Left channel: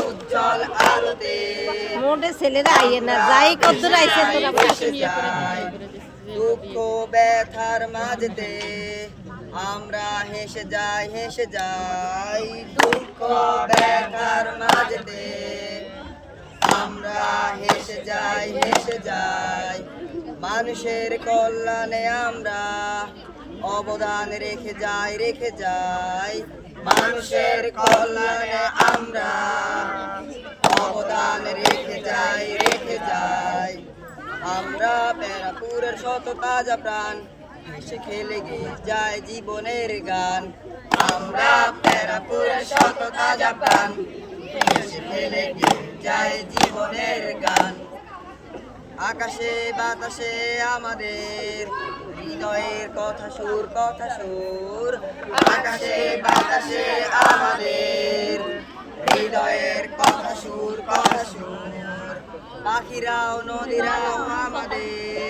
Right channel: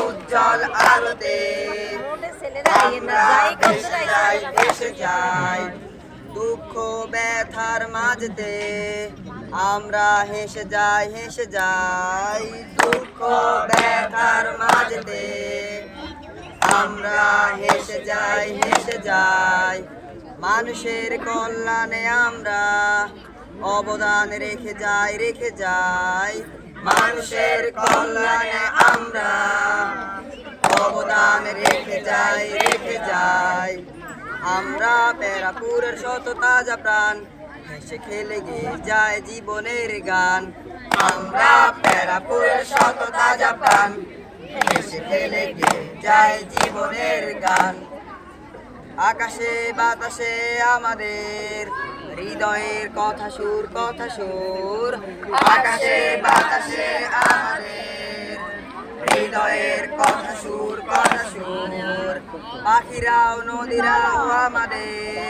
উজ্জ্বল আলোতে মোটে ছেলেরা না, যাই কত ভেসে যাই দুঃখ, ব্যথার মাঝতে আমরা হেসে যাই হেসে যাই। দুঃখ, ব্যথার মাঝতে আমরা হেসে যাই হেসে যাই। মানুষের কল্যাণে আমরা অবদান রেখে যাই রেখে যাই। মানুষের কল্যাণে আমরা অবদান রেখে যাই রেখে যাই। আমরা প্যারাপুরের শত তাজা প্রাণ, হেসে খেলে গে যায় জীবনের গান। আমরা প্যারাপুরের শত তাজা প্রাণ হেসে খেলে গে, যায় জীবনের গান। আকাশে, বাতাসে আমাদের হৃদয়ের কথা সুর কথা সুর। আকাশে, বাতাসে আমাদের হৃদয়ের কথা সুর কথা সুর। পাখিরাও, নদীরাও আমাদের